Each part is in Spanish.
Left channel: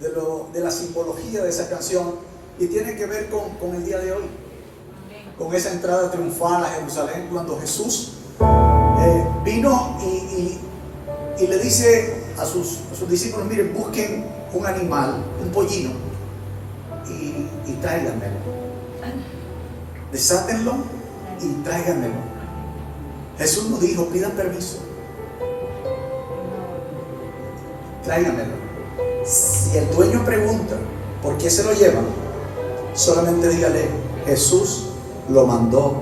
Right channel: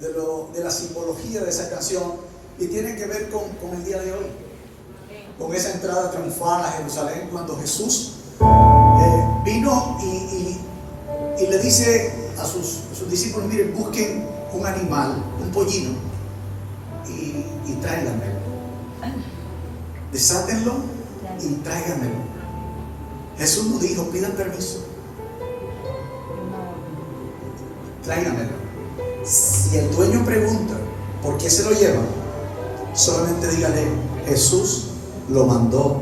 de la simbología de esa canción y tiene que ver con el día de hoy, con esa entrada triunfal a Jerusalén cuando Jesús vino y le dice a sus discípulos: miren, busquen un animal, un pollino, y tráiganmelo, desátenlo y tráiganmelo. Jesús nos dijo: pidan permiso, tráiganmelo. Si el dueño pregunta por qué se lo llevan, solamente dígale: Jesús lo mandó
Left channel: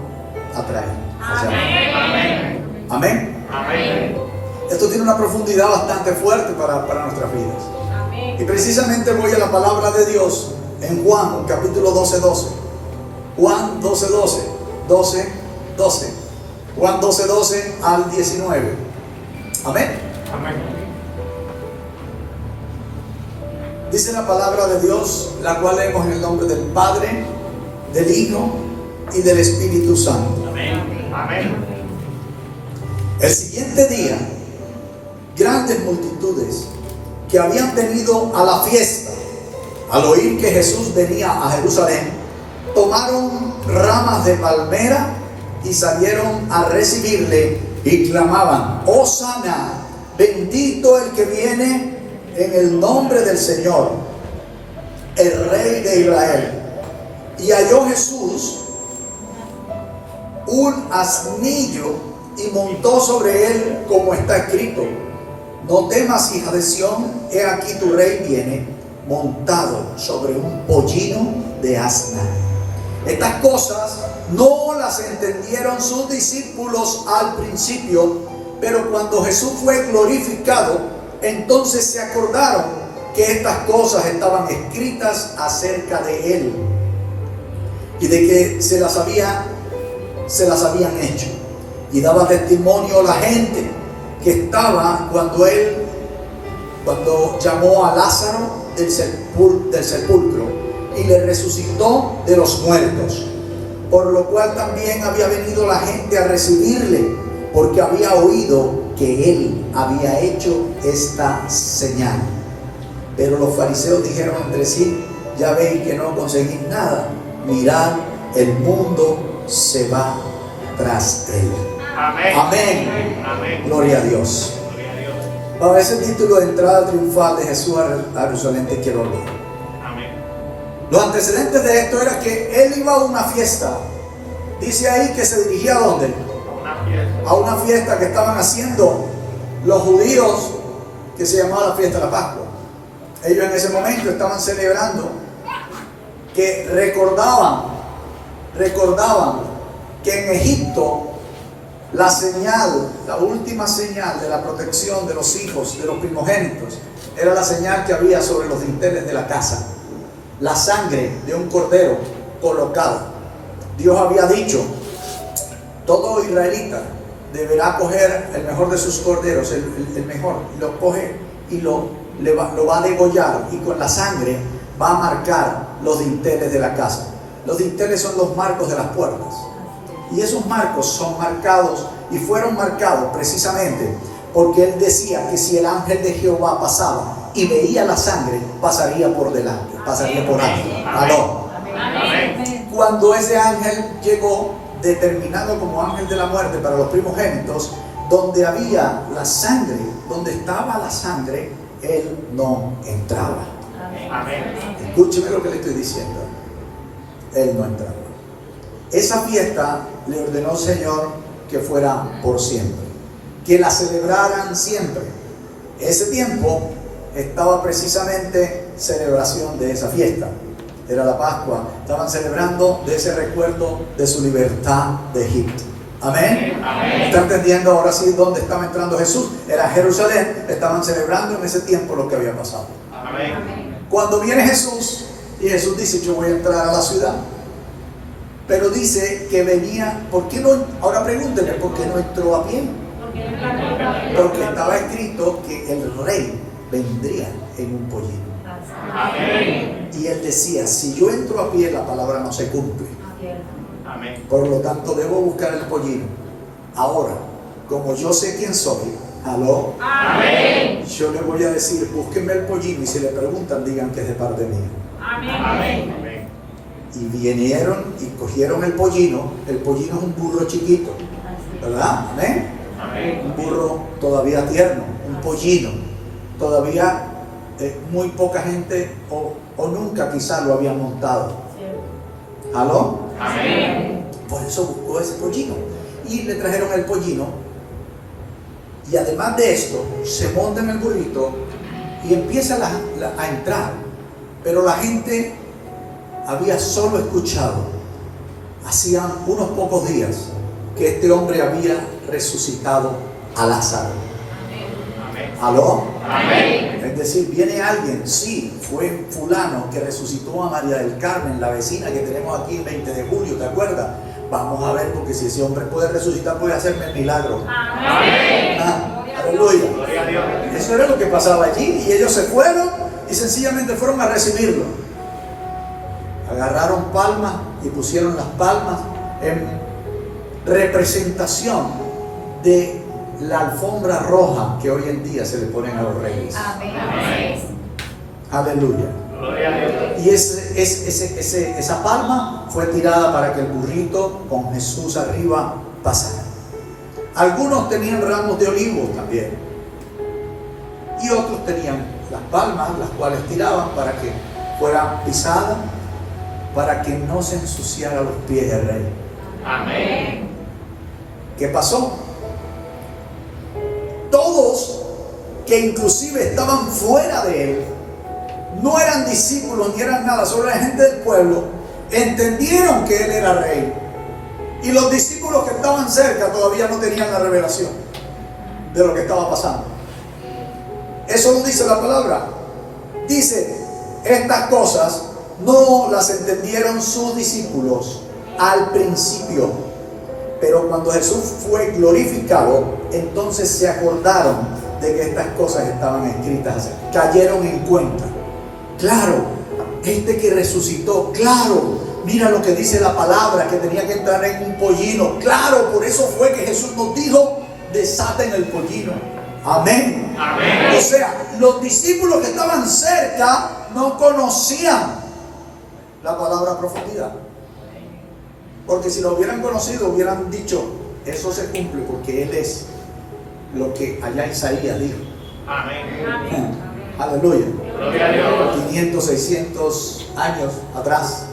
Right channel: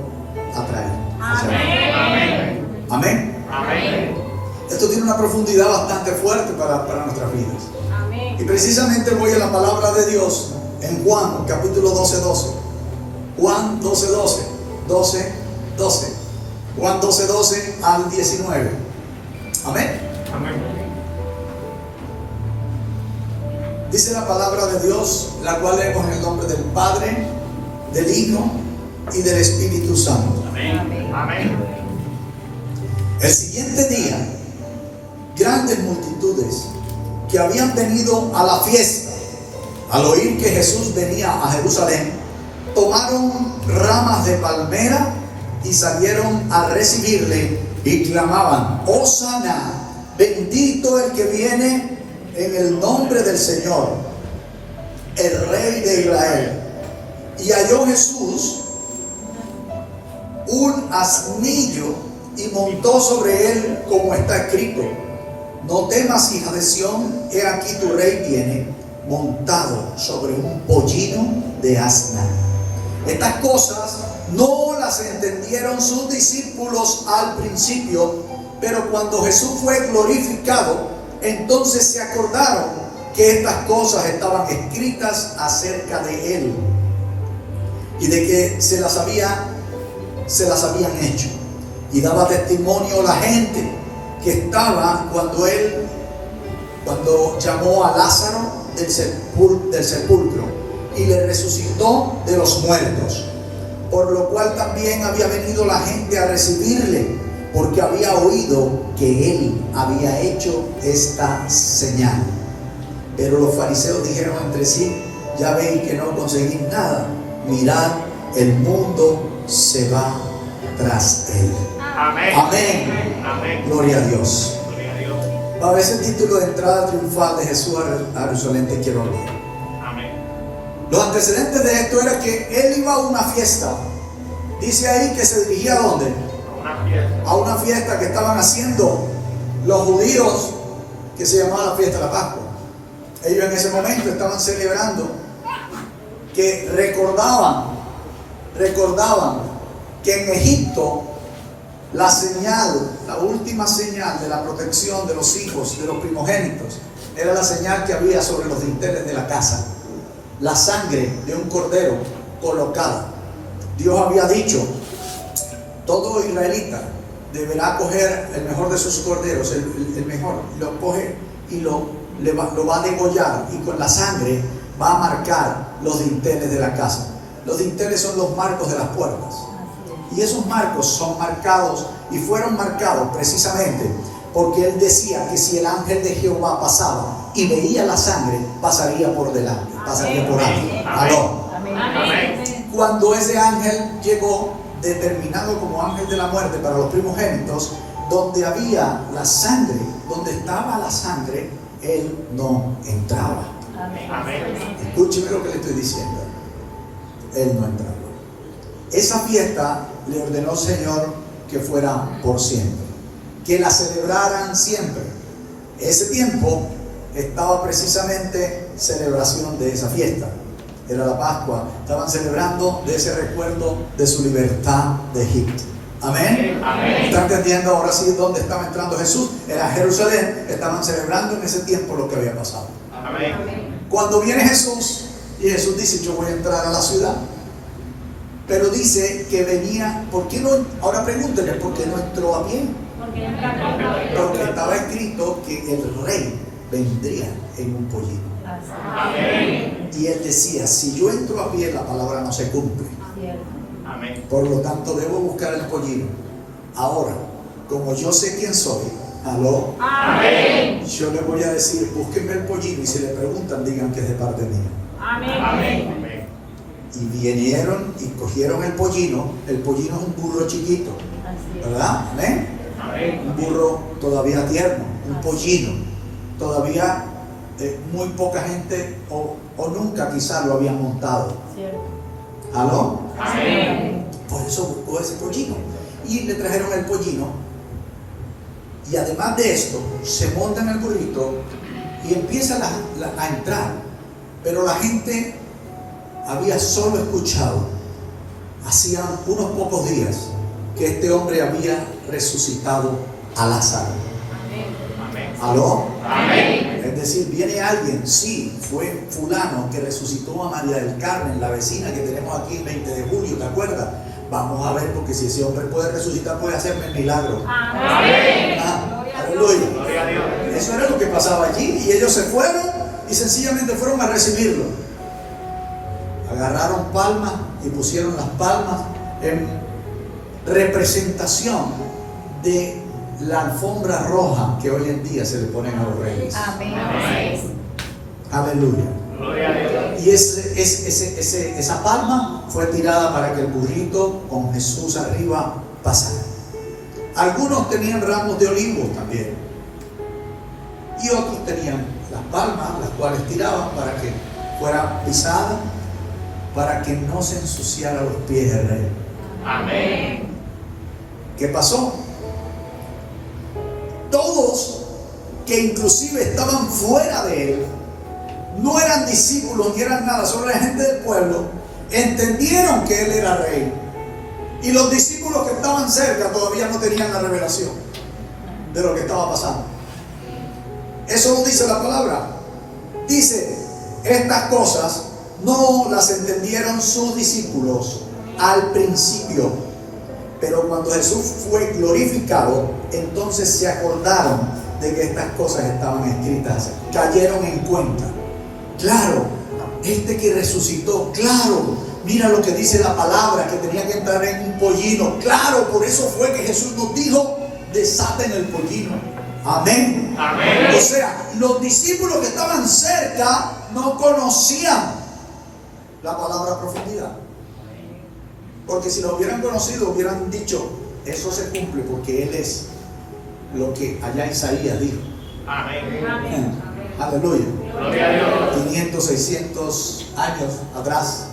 a traer. Amén. Amén. Amén. Esto tiene una profundidad bastante fuerte para nuestras vidas. Amén. Y precisamente voy a la palabra de Dios en Juan capítulo 12:12. Juan 12:12. Juan 12:12 al 19. Amén. Amén. Dice la palabra de Dios, la cual leemos en el nombre del Padre, del Hijo y del Espíritu Santo. Amén. Amén. El siguiente día, grandes multitudes que habían venido a la fiesta, al oír que Jesús venía a Jerusalén, tomaron ramas de palmera y salieron a recibirle y clamaban: Hosana, bendito el que viene en el nombre del Señor, el Rey de Israel. Y halló Jesús un asnillo y montó sobre él, como está escrito: no temas, hija de Sión, he aquí tu rey viene montado sobre un pollino de asna. Estas cosas no las entendieron sus discípulos al principio, pero cuando Jesús fue glorificado, entonces se acordaron que estas cosas estaban escritas acerca de él y de que se las habían hecho. Y daba testimonio a la gente que estaba cuando llamó a Lázaro del sepulcro y le resucitó de los muertos, por lo cual también había venido la gente a recibirle, porque había oído que él había hecho esta señal. Pero los fariseos dijeron entre sí: ya ven que no conseguís nada, mirad, el mundo se va tras él. Amén. Amén. Amén. Gloria a Dios. Gloria a Dios. Para ese título de entrada triunfal de Jesús a Jerusalén te quiero hablar. Amén. Los antecedentes de esto era que él iba a una fiesta. Dice ahí que se dirigía ¿a dónde? A una fiesta. A una fiesta que estaban haciendo los judíos, que se llamaba la fiesta de la Pascua. Ellos en ese momento estaban celebrando, que recordaban que en Egipto la señal, la última señal de la protección de los hijos, de los primogénitos, era la señal que había sobre los dinteles de la casa: la sangre de un cordero colocada. Dios había dicho: todo israelita deberá coger el mejor de sus corderos, el mejor, y lo coge y lo va a degollar, y con la sangre va a marcar los dinteles de la casa. Los dinteles son los marcos de las puertas, y esos marcos son marcados y fueron marcados precisamente porque él decía que si el ángel de Jehová pasaba y veía la sangre, pasaría por delante, pasaría por ahí. Amén. Cuando ese ángel llegó, determinado como ángel de la muerte para los primogénitos, donde había la sangre, donde estaba la sangre, él no entraba. Amén. Escúcheme lo que le estoy diciendo. Él no entraba. Esa fiesta le ordenó el Señor que fuera por siempre, que la celebraran siempre. Ese tiempo estaba precisamente celebración de esa fiesta. Era la Pascua. Estaban celebrando de ese recuerdo de su libertad de Egipto. Amén. Amén. ¿Está entendiendo ahora sí dónde estaba entrando Jesús? Era Jerusalén. Estaban celebrando en ese tiempo lo que había pasado. Amén. Cuando viene Jesús, y Jesús dice: yo voy a entrar a la ciudad, pero dice que venía. ¿Por qué no? Ahora pregúntele: ¿por qué no entró a pie? Porque estaba escrito que el rey vendría en un pollino. Amén. Y él decía: si yo entro a pie, la palabra no se cumple. Amén. Por lo tanto, debo buscar el pollino. Ahora, como yo sé quién soy, ¿Aló? Amén. Yo le voy a decir, búsquenme el pollino y si le preguntan, digan que es de parte mía. Amén. Y vinieron y cogieron el pollino. El pollino es un burro chiquito, ¿verdad? Amén. Amén. Un burro todavía tierno, un pollino. Todavía muy poca gente o nunca quizás lo habían montado. ¿Aló? Amén. Por eso buscó ese pollino. Y le trajeron el pollino. Y además de esto, se monta en el burrito y empieza a entrar. Pero la gente había solo escuchado, hacía unos pocos días, que este hombre había resucitado a Lázaro. Amén. ¿Aló? Amén. Es decir, viene alguien, sí, fue fulano que resucitó a María del Carmen, la vecina que tenemos aquí el 20 de julio, ¿te acuerdas? Vamos a ver, porque si ese hombre puede resucitar, puede hacerme el milagro. Amén. Aleluya. Gloria a Dios. Eso era lo que pasaba allí, y ellos se fueron y sencillamente fueron a recibirlo. Agarraron palmas y pusieron las palmas en representación de la alfombra roja que hoy en día se le ponen a los reyes. Amén. Aleluya. Gloria a Dios. Y esa palma fue tirada para que el burrito con Jesús arriba pasara. Algunos tenían ramos de olivos también. Y otros tenían las palmas, las cuales tiraban para que fueran pisadas, para que no se ensuciara los pies del rey. Amén. ¿Qué pasó? Todos que inclusive estaban fuera de él, no eran discípulos ni eran nada, solo la gente del pueblo, entendieron que él era rey. Y los discípulos que estaban cerca todavía no tenían la revelación de lo que estaba pasando. Eso lo dice la palabra. Dice, estas cosas no las entendieron sus discípulos al principio, pero cuando Jesús fue glorificado, entonces se acordaron de que estas cosas estaban escritas, cayeron en cuenta. Claro, este que resucitó, claro, mira lo que dice la palabra, que tenía que entrar en un pollino. Claro, por eso fue que Jesús nos dijo, desaten el pollino. Amén. Amén. O sea, los discípulos que estaban cerca no conocían la palabra profundidad. Porque si lo hubieran conocido, hubieran dicho, eso se cumple porque Él es lo que allá Isaías dijo. Amén. Aleluya. Gloria a Dios. 500, 600 años atrás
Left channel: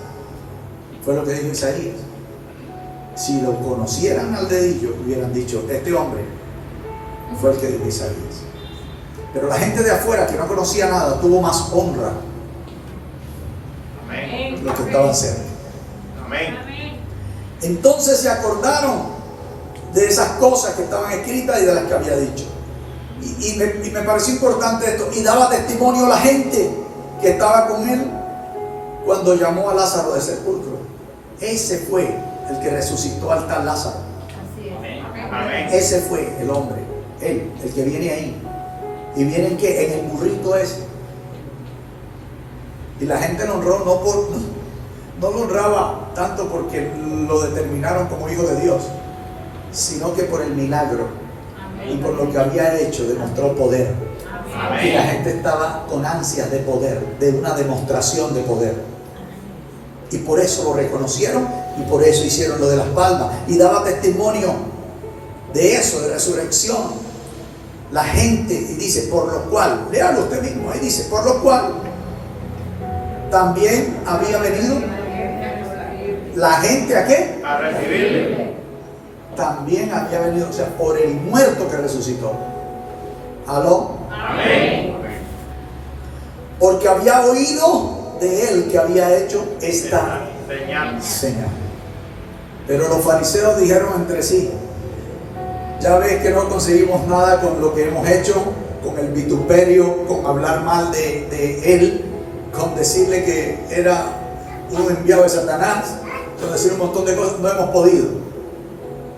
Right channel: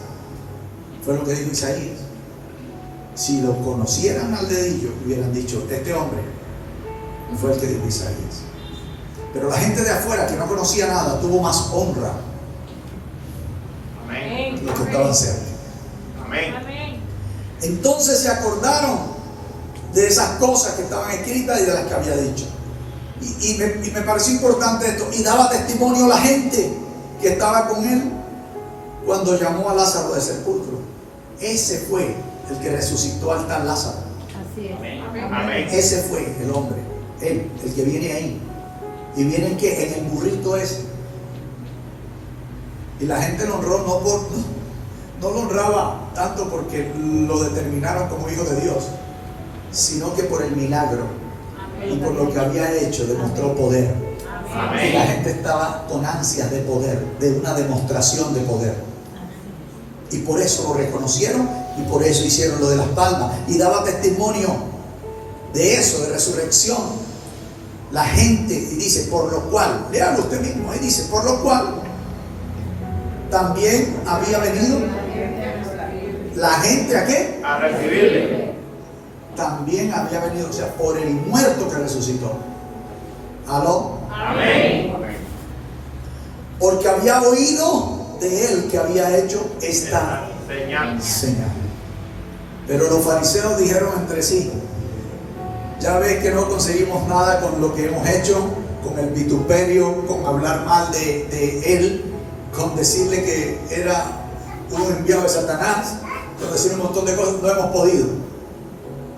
fue lo que dijo Isaías. Si lo conocieran al dedillo, hubieran dicho, este hombre fue el que dijo Isaías. Pero la gente de afuera que no conocía nada tuvo más honra Amén. los que estaban cerca. Amén. Entonces se acordaron de esas cosas que estaban escritas y de las que había dicho. Y me pareció importante esto. Y daba testimonio a la gente que estaba con él cuando llamó a Lázaro del sepulcro. Ese fue el que resucitó al tal Lázaro. Amén. Ese fue el hombre, él, el que viene ahí. Y viene que en el burrito ese. Y la gente lo honró no lo honraba tanto porque lo determinaron como hijo de Dios, sino que por el milagro y por lo que había hecho demostró poder. Y la gente estaba con ansias de poder, de una demostración de poder. Y por eso lo reconocieron y por eso hicieron lo de las palmas. Y daba testimonio de eso, de resurrección. La gente, y dice, por lo cual, léalo usted mismo, dice, por lo cual también había venido la gente ¿a qué? A recibirle. También había venido, o sea, por el muerto que resucitó. ¿Aló? Amén. Porque había oído de él que había hecho esta Señal. señal. Pero los fariseos dijeron entre sí, ya ves que no conseguimos nada con lo que hemos hecho, con el vituperio, con hablar mal de él, con decirle que era un enviado de Satanás, con decir un montón de cosas, no hemos podido.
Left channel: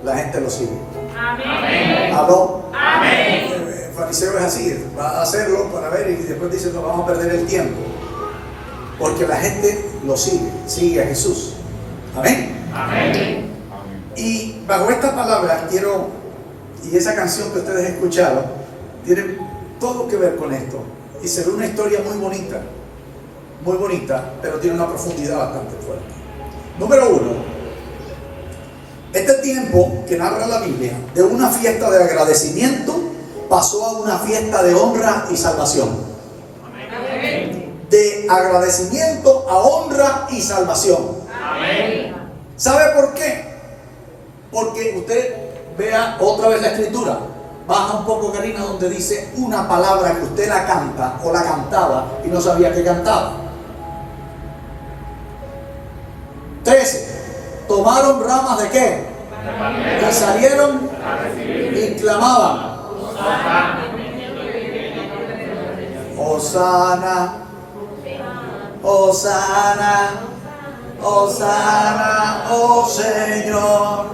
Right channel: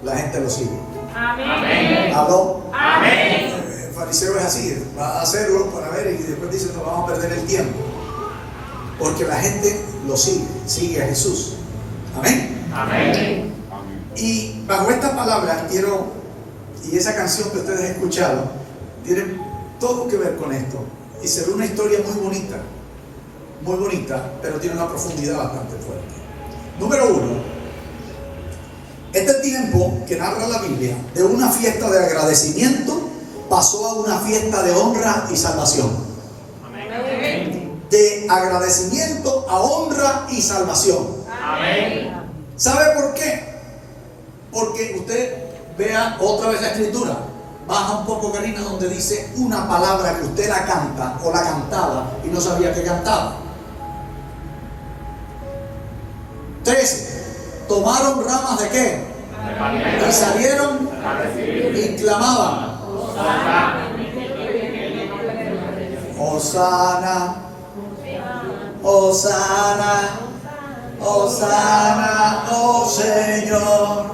La gente lo sigue. Amén. ¿Aló? Amén. El fariseo es así, va a hacerlo para ver y después dice, no vamos a perder el tiempo. Porque la gente lo sigue a Jesús. Amén. Amén. Y bajo esta palabra quiero, y esa canción que ustedes escucharon, tiene todo que ver con esto. Y se ve una historia muy bonita, pero tiene una profundidad bastante fuerte. Número 1, este tiempo que narra la Biblia, de una fiesta de agradecimiento, pasó a una fiesta de honra y salvación. Amén. De agradecimiento a honra y salvación. Amén. ¿Sabe por qué? Porque usted vea otra vez la escritura. Baja un poco, Karina, donde dice una palabra que usted la canta o la cantaba y no sabía que cantaba. 13. Tomaron ramas de qué? De palmera. Y salieron A recibir. y clamaban: Hosana, Hosana, Hosana, oh Señor,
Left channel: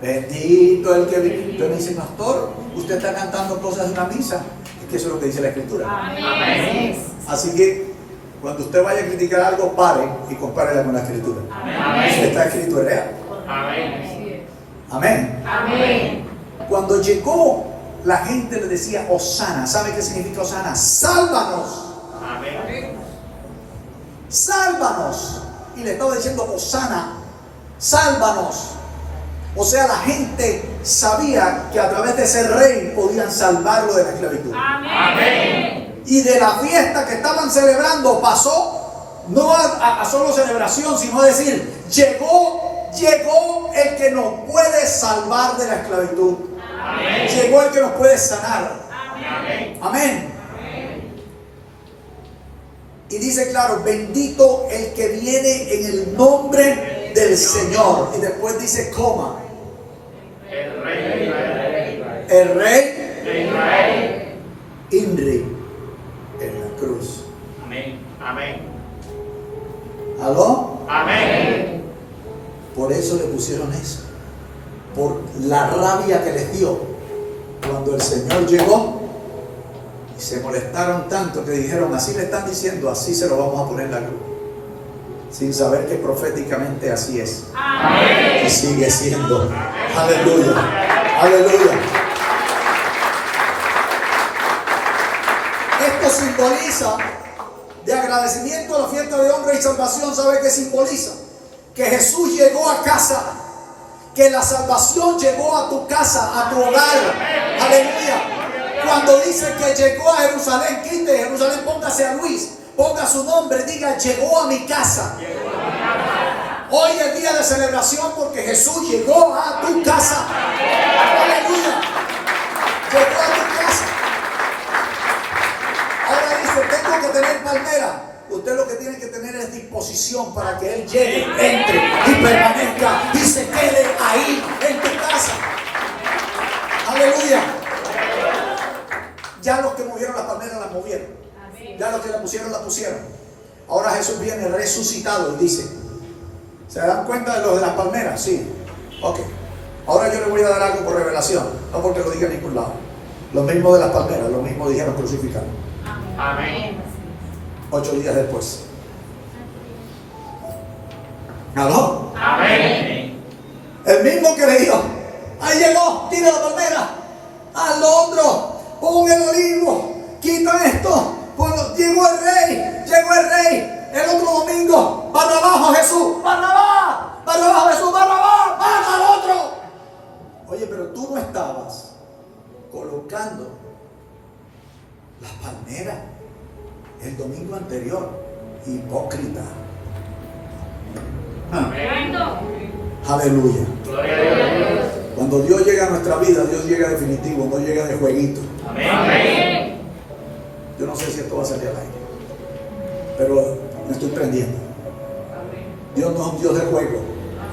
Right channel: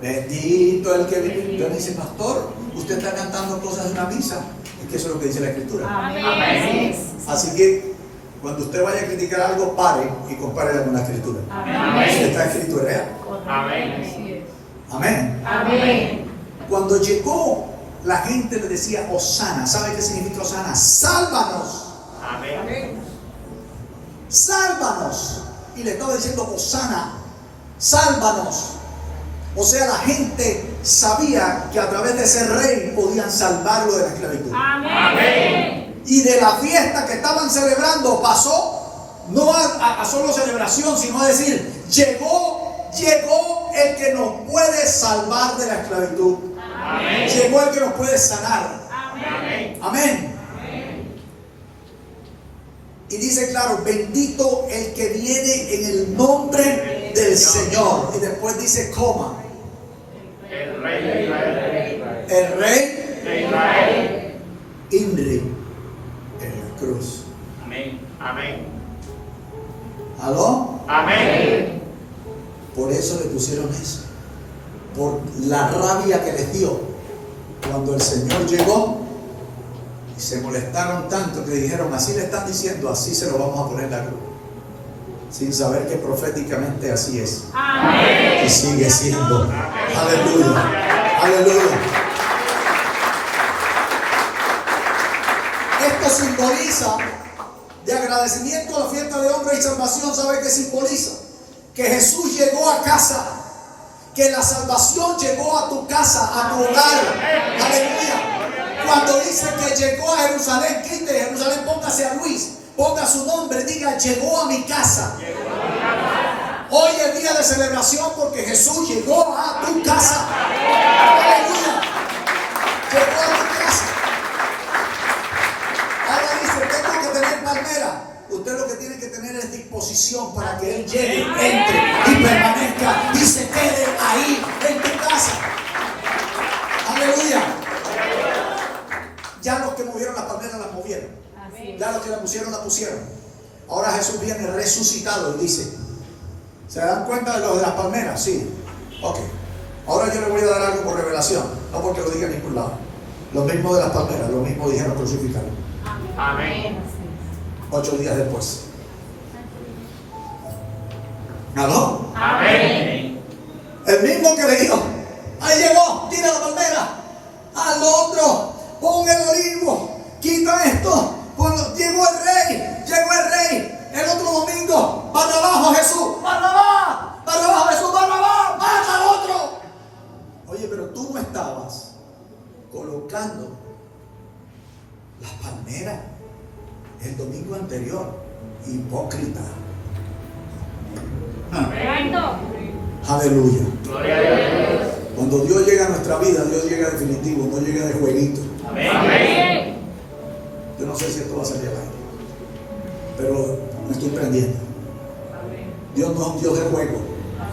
bendito el que vive. Yo me dice, pastor, usted está cantando cosas de una misa. Es que eso es lo que dice la escritura. Amén. Así que cuando usted vaya a criticar algo, pare y compare con la escritura. Amén. Si está escrito es real. Amén. Amén. Amén. Cuando llegó, la gente le decía Hosana. ¿Sabe qué significa Hosana? Sálvanos. Amén. Sálvanos. Y le estaba diciendo Hosana, sálvanos. O sea, la gente sabía que a través de ese rey podían salvarlo de la esclavitud. Amén. Y de la fiesta que estaban celebrando pasó no a solo celebración, sino a decir, llegó el que nos puede salvar de la esclavitud. Amén. Llegó el que nos puede sanar. Amén. Amén. Y dice claro, bendito el que viene en el nombre del Señor. Y después dice, coma, El Rey de Israel. el rey De Israel. Inri en la cruz. Amén. Amén. ¿Aló? Amén. Por eso le pusieron eso. Por la rabia que les dio cuando el Señor llegó. Y se molestaron tanto que dijeron, así le están diciendo, así se lo vamos a poner en la cruz. Sin saber que proféticamente así es. Amén. Y sigue siendo. Aleluya. Aleluya. Esto simboliza, de agradecimiento a la fiesta de honra y salvación, ¿sabe qué simboliza? Que Jesús llegó a casa, que la salvación llegó a tu casa, a tu hogar. Aleluya. Cuando dice que llegó a Jerusalén, quite Jerusalén, póngase a Luis, ponga su nombre, diga, llegó a mi casa. Hoy es día de celebración porque Jesús llegó a tu casa. Aleluya. Llegó a tu casa. Ahora dice, tengo que tener palmera. Usted lo que tiene que tener es disposición para que Él llegue, entre y permanezca y se quede ahí en tu casa. Aleluya. Ya los que movieron las palmeras las movieron. Ya los que la pusieron, la pusieron. Ahora Jesús viene resucitado y dice, ¿se dan cuenta de lo de las palmeras? Sí. Ok. Ahora yo le voy a dar algo por revelación, no porque lo diga en ningún lado. Lo mismo de las palmeras, lo mismo dijeron crucificado. Amén. 8 días después. ¿Aló? Amén. El mismo que le dijo, ahí llegó, tira la palmera, haz lo otro, pon el olivo, quita esto, llegó el rey, el otro domingo, para abajo Jesús, para abajo Jesús, baja al otro. Oye, pero tú no estabas colocando las palmeras el domingo anterior, hipócrita. Amén. Aleluya. Gloria a Dios. Cuando Dios llega a nuestra vida, Dios llega definitivo, no llega de jueguito. Amén. Yo no sé si esto va a salir al aire, pero me estoy prendiendo. Dios no es un Dios de juego,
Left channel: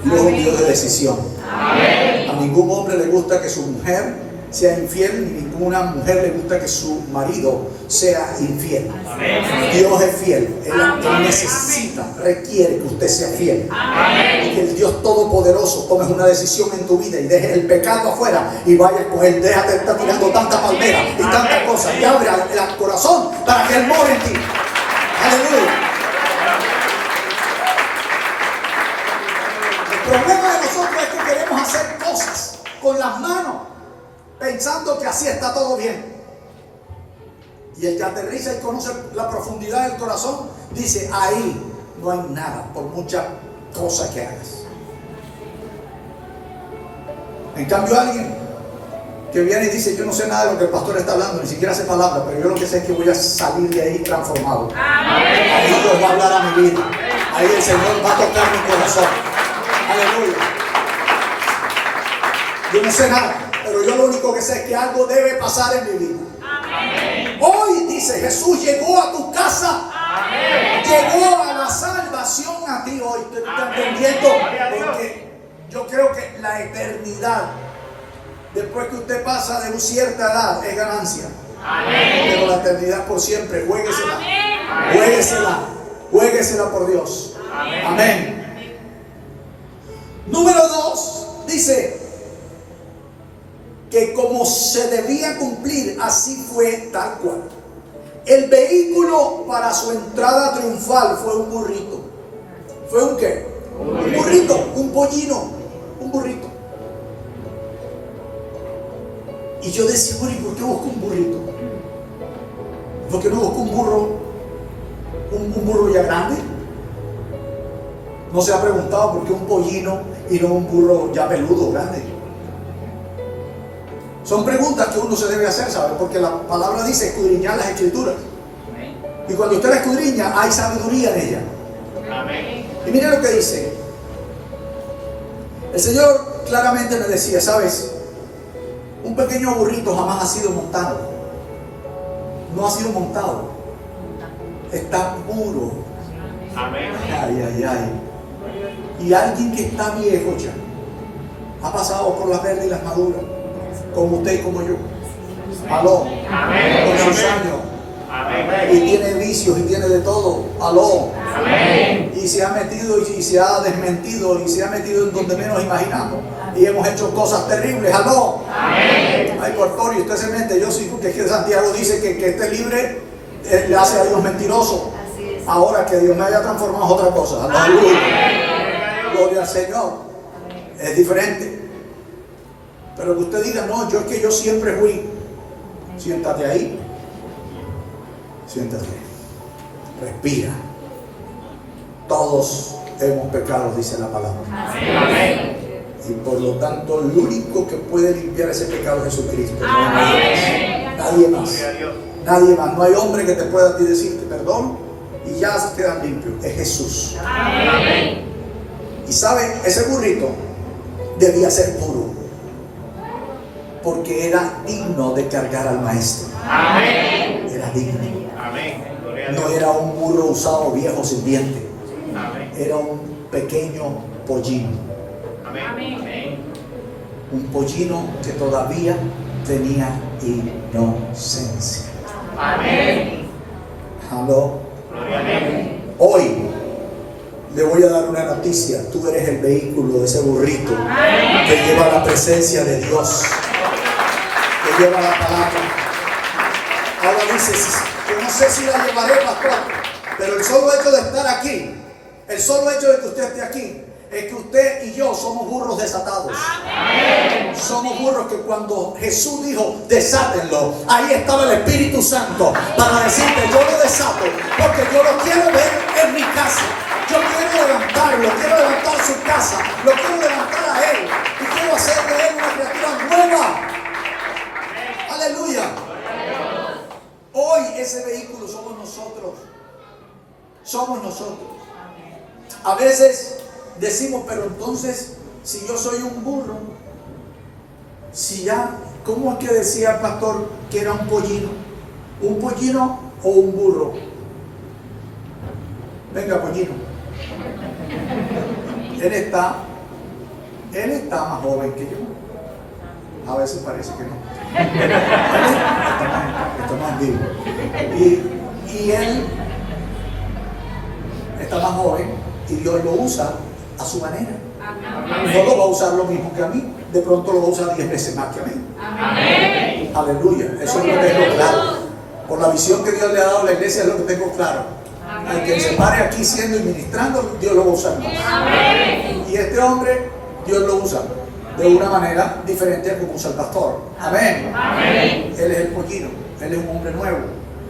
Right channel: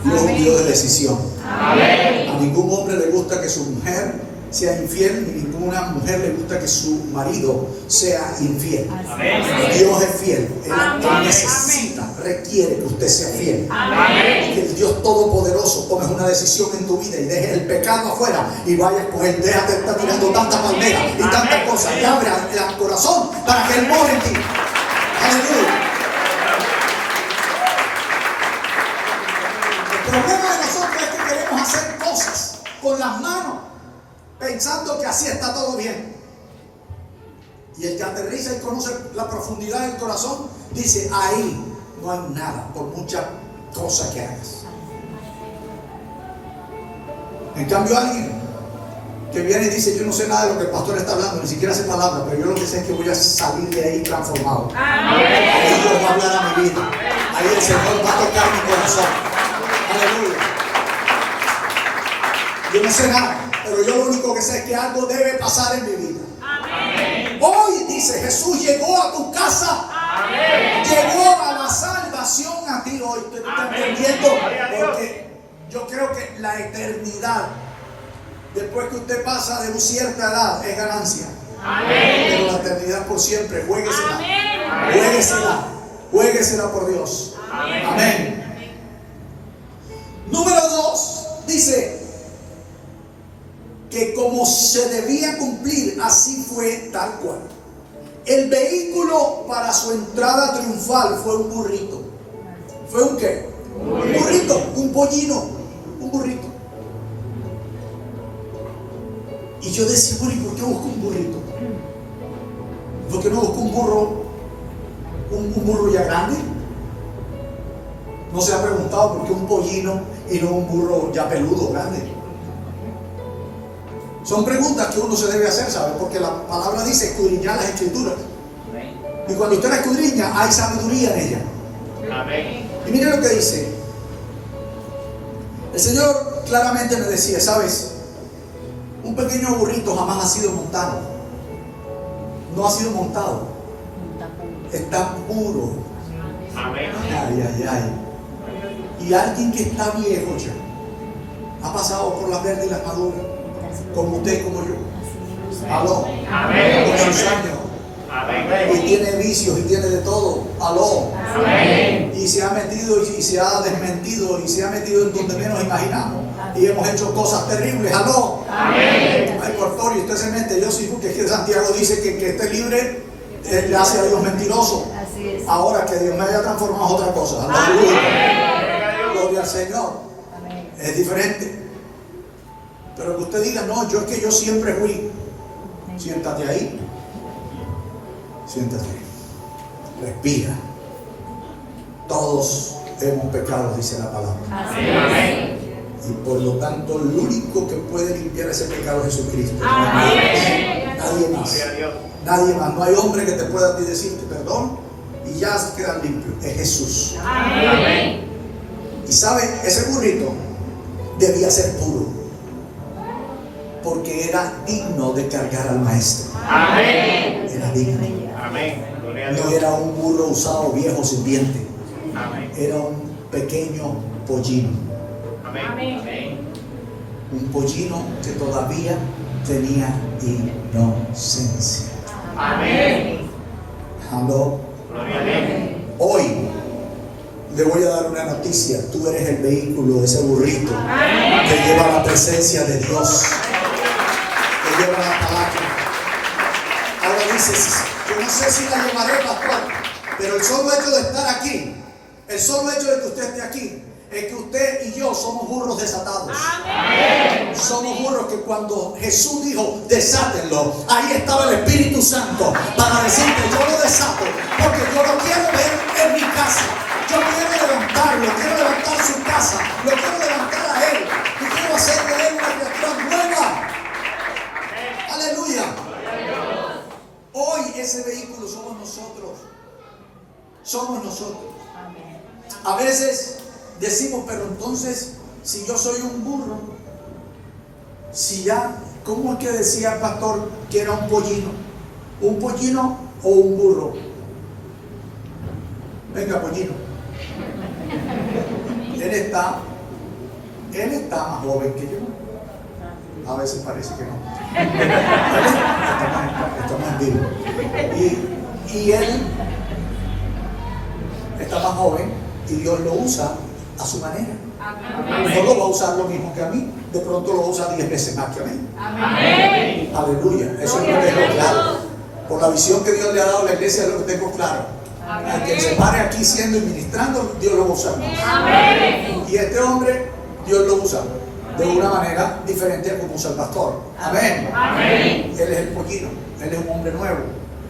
Dios es un Dios de decisión. Amén. A ningún hombre le gusta que su mujer sea infiel, ni ninguna mujer le gusta que su marido sea infiel. Amén. Dios es fiel, Él necesita, requiere que usted sea fiel. Amén. Y que el Dios Todopoderoso tomes una decisión en tu vida y dejes el pecado afuera y vayas con Él. Déjate de estar tirando tanta palmera y tantas cosas y abre el corazón para que Él more en ti. Aleluya. El problema de nosotros es que queremos hacer cosas con las manos pensando que así está todo bien. Y el que aterriza y conoce la profundidad del corazón, dice, ahí no hay nada, por muchas cosas que hagas. En cambio, alguien que viene y dice, yo no sé nada de lo que el pastor está hablando, ni siquiera hace palabras, pero yo lo que sé es que voy a salir de ahí transformado. Ahí Dios va a hablar a mi vida. Ahí el Señor va a tocar mi corazón. Aleluya. Yo no sé nada, pero yo lo único que sé es que algo debe pasar en mi vida. Amén. Hoy, dice Jesús, llegó a tu casa. Amén. Llegó a la salvación a ti hoy. ¿Te estás entendiendo? Porque yo creo que la eternidad, después que usted pasa de una cierta edad, es ganancia. Amén. Pero la eternidad por siempre, juéguesela. Amén. Juéguesela. Juéguesela por Dios. Amén. Amén. Número 2, dice que como se debía cumplir, así fue tal cual. El vehículo para su entrada triunfal fue un burrito. ¿Fue un qué? Un burrito, un pollino, un burrito. Y yo decía, bueno, ¿y por qué busco un burrito? ¿Por qué no busco un burro? ¿Un burro ya grande? ¿No se ha preguntado por qué un pollino y no un burro ya peludo, grande? Son preguntas que uno se debe hacer, ¿sabe? Porque la palabra dice escudriñar las escrituras. Y cuando usted la escudriña, hay sabiduría en ella. Amén. Y mire lo que dice. El Señor claramente me decía, ¿sabes? Un pequeño burrito jamás ha sido montado. No ha sido montado. Está puro. Amén. Ay, ay, ay. Y alguien que está viejo ya, ha pasado por las verdes y las maduras, como usted y como yo. Aló. Amén. Con sus años. Amén. Y tiene vicios y tiene de todo. Aló. Amén. Y se ha metido y se ha desmentido y se ha metido en donde menos imaginamos. Y hemos hecho cosas terribles. Aló. Amén. Ay, por favor, y usted se mete. Yo sí, porque es que Santiago dice que esté libre, le hace a Dios mentiroso. Ahora que Dios me haya transformado es otra cosa. Aleluya. Gloria al Señor. Es diferente. Pero que usted diga, no, yo es que yo siempre fui. Siéntate ahí. Siéntate. Respira. Todos hemos pecado, dice la palabra. Amén. Y por lo tanto, el único que puede limpiar ese pecado es Jesucristo. Amén. Nadie más. Gloria a Dios. Nadie más. No hay hombre que te pueda a ti decirte perdón y ya se quedan limpios. Es Jesús. Amén. Y sabe, ese burrito debía ser puro, porque era digno de cargar al maestro. Amén. Era digno. Amén. Gloria a No Dios. era un burro usado viejo sin diente. Amén. Era un pequeño pollino. Amén. Un pollino que todavía tenía inocencia. Amén. Aló. Gloria a Dios. Hoy le voy a dar una noticia. Tú eres el vehículo de ese burrito que lleva la presencia de Dios, que lleva la palabra. Ahora dices, yo no sé si la llevaré, pastor, pero el solo hecho de estar aquí, el solo hecho de que usted esté aquí, es que usted y yo somos burros desatados. Amén. Somos burros que cuando Jesús dijo, desátenlo, ahí estaba el Espíritu Santo para decirte, yo lo desato, porque yo lo quiero ver en mi casa. Yo quiero levantarlo, quiero levantar su casa, lo quiero levantar a él y quiero hacer de él una criatura nueva. Aleluya. Hoy ese vehículo somos nosotros. Somos nosotros. A veces decimos, pero entonces, si yo soy un burro, si ya, ¿cómo es que decía el pastor que era un pollino? ¿Un pollino o un burro? Venga, pollino. Él está más joven que yo. A veces parece que no. Está más vivo. Y él está más joven y Dios lo usa a su manera. No lo va a usar lo mismo que a mí. De pronto lo va a usar 10 veces más que a mí. Amén. Aleluya. Eso es lo que tengo claro. Por la visión que Dios le ha dado a la iglesia es lo que tengo claro. Al que se pare aquí siendo y ministrando, Dios lo va a usar más. Amén. Y este hombre, Dios lo usa de una manera diferente a como usa el pastor. Amén. Amén. Él es el pollino. Él es un hombre nuevo.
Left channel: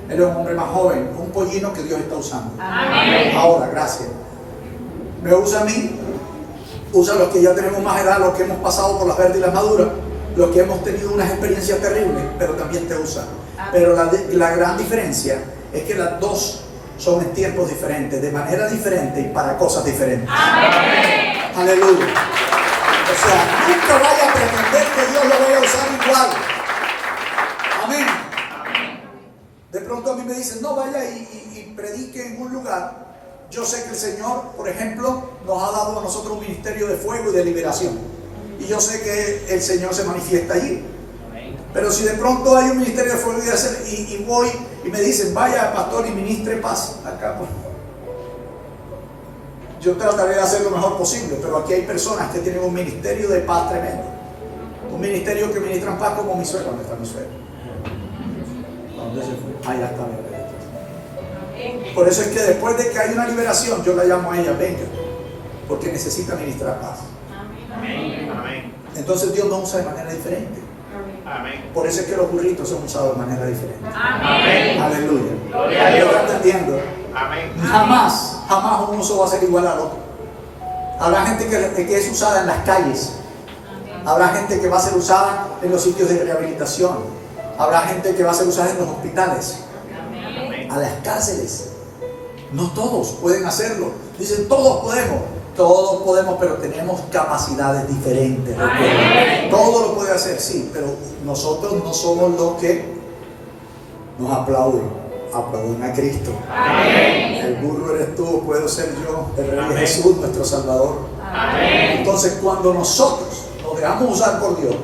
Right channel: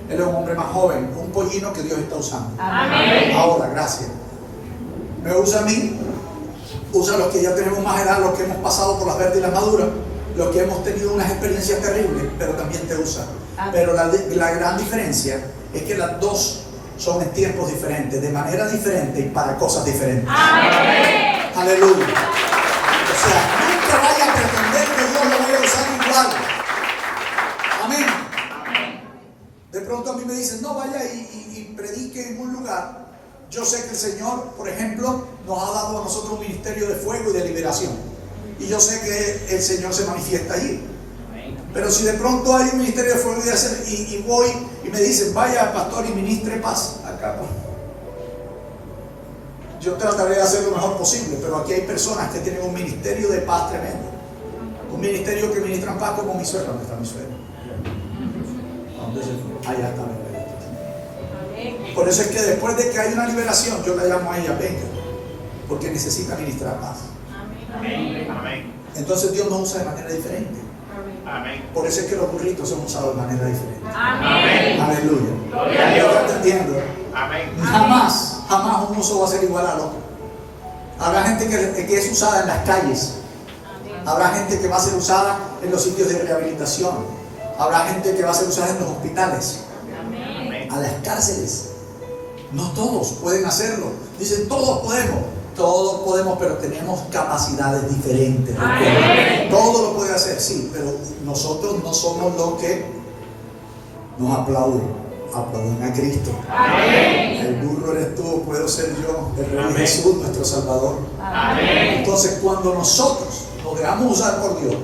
Él es un hombre más joven, un pollino que Dios está usando. Amén. Ahora, gracias. Me usa a mí, usa a los que ya tenemos más edad, los que hemos pasado por las verdes y las maduras, los que hemos tenido unas experiencias terribles, pero también te usa. Pero la gran diferencia es que las dos son en tiempos diferentes, de manera diferente y para cosas diferentes. Amén. Aleluya. O sea, nunca vaya a pretender que Dios lo vaya a usar igual. Amén. De pronto a mí me dicen, no, vaya y predique en un lugar. Yo sé que el Señor, por ejemplo, nos ha dado a nosotros un ministerio de fuego y de liberación. Y yo sé que el Señor se manifiesta allí. Pero si de pronto hay un ministerio de fuego y voy y me dicen, vaya pastor y ministre paz acá, pues, yo trataré de hacer lo mejor posible, pero aquí hay personas que tienen un ministerio de paz tremendo. Un ministerio que ministran paz como mi suegra. ¿Dónde está mi suegra? ¿Dónde se fue? Ahí está, Por eso es que después de que hay una liberación, yo la llamo a ella, venga, porque necesita ministrar paz. Amén. Entonces Dios nos usa de manera diferente. Amén. Por eso es que los burritos son usados de manera diferente. Amén. Aleluya. Gloria a Dios. ¿Estás entendiendo? Amén. Jamás un uso va a ser igual al otro. Habrá gente que es usada en las calles. Habrá gente que va a ser usada en los sitios de rehabilitación. Habrá gente que va a ser usada en los hospitales, a las cárceles. No todos pueden hacerlo. Dicen, todos podemos, pero tenemos capacidades diferentes. Todo lo puede hacer, sí, pero nosotros no somos los que nos aplauden. Aplauden a Cristo. Amén. El burro eres tú, puedo ser yo, el Rey Amén. Jesús, nuestro Salvador. Amén. Entonces, cuando nosotros nos dejamos usar por Dios,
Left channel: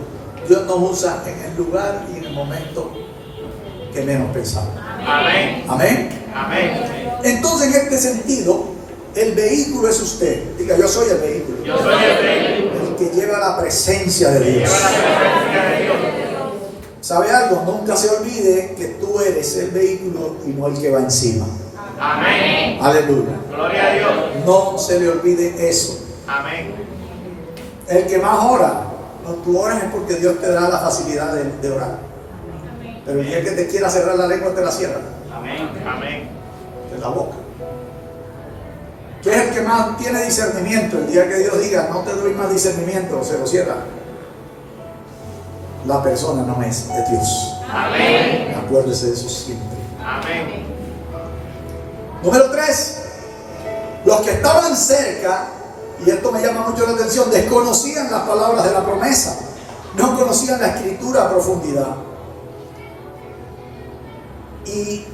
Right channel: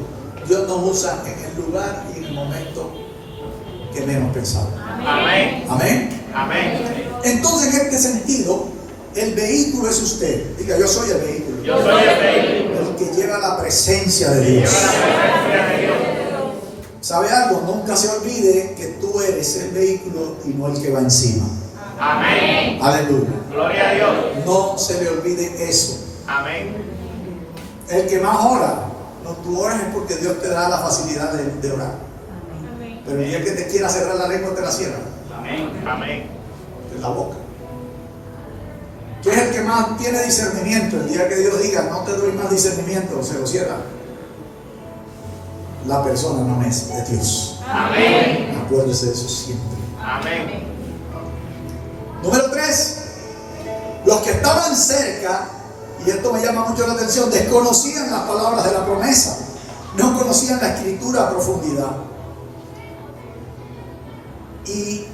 Dios nos usa en el lugar y en el momento que menos pensamos. Amén. Amén. Amén. Entonces, en este sentido, el vehículo es usted. Diga, yo soy el vehículo. Yo soy el vehículo El que lleva la presencia de que Dios. lleva la presencia de Dios. ¿Sabe algo? Nunca se olvide que tú eres el vehículo y no el que va encima. Amén. Aleluya. Gloria a Dios. No se le olvide eso. Amén. El que más ora, no tú oras es porque Dios te da la facilidad de orar. Pero el día que te quiera cerrar la lengua, te la cierra. Amén. Amén. En la boca. ¿Qué es el que más tiene discernimiento? El día que Dios diga, no te doy más discernimiento, se lo cierra. La persona no es de Dios. Amén. Acuérdese de eso siempre. Amén. Número 3. Los que estaban cerca, y esto me llama mucho la atención, desconocían las palabras de la promesa. No conocían la escritura a profundidad. Y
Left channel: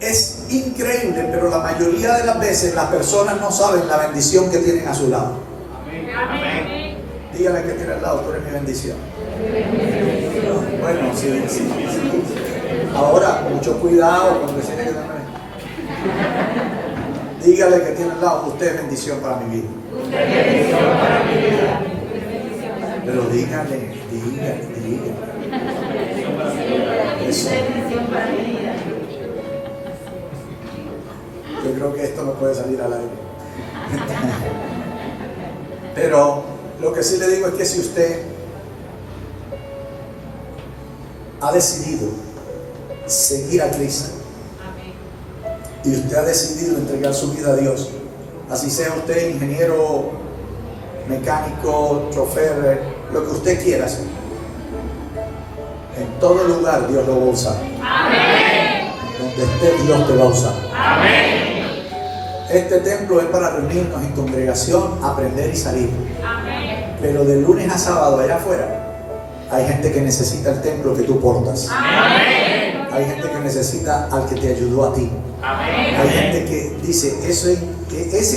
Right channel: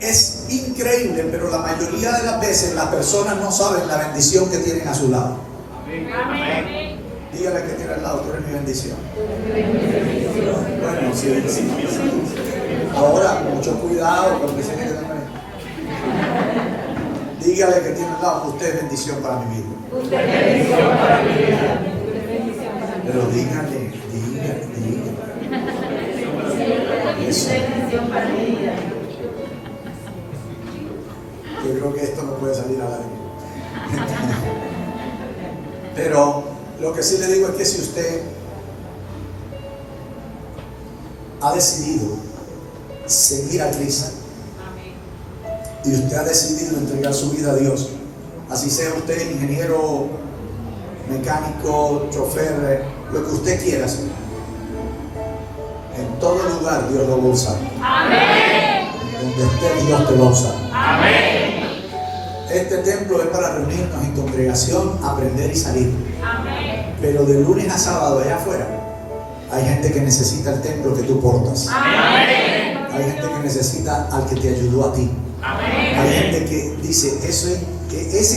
es increíble, pero la mayoría de las veces las personas no saben la bendición que tienen a su lado. Amén. Dígale que tiene al lado, tú eres mi bendición. Bueno, sí. Ahora, mucho cuidado con decir que también. Dígale que tiene al lado, usted es bendición para mi vida. Pero dígale. Eso. Yo creo que esto no puede salir al aire. Pero lo que sí le digo es que si usted ha decidido seguir a Cristo y usted ha decidido entregar su vida a Dios, así sea usted ingeniero, mecánico, chofer, lo que usted quiera hacer, en todo lugar Dios lo va a usar. Amén. Donde esté, Dios te va a usar. Amén. Este templo es para reunirnos en congregación, aprender y salir. Amén. Pero de lunes a sábado allá afuera hay gente que necesita el templo que tú portas. Amén. Hay gente que necesita al que te ayudó a ti. Amén. Hay gente que dice, ese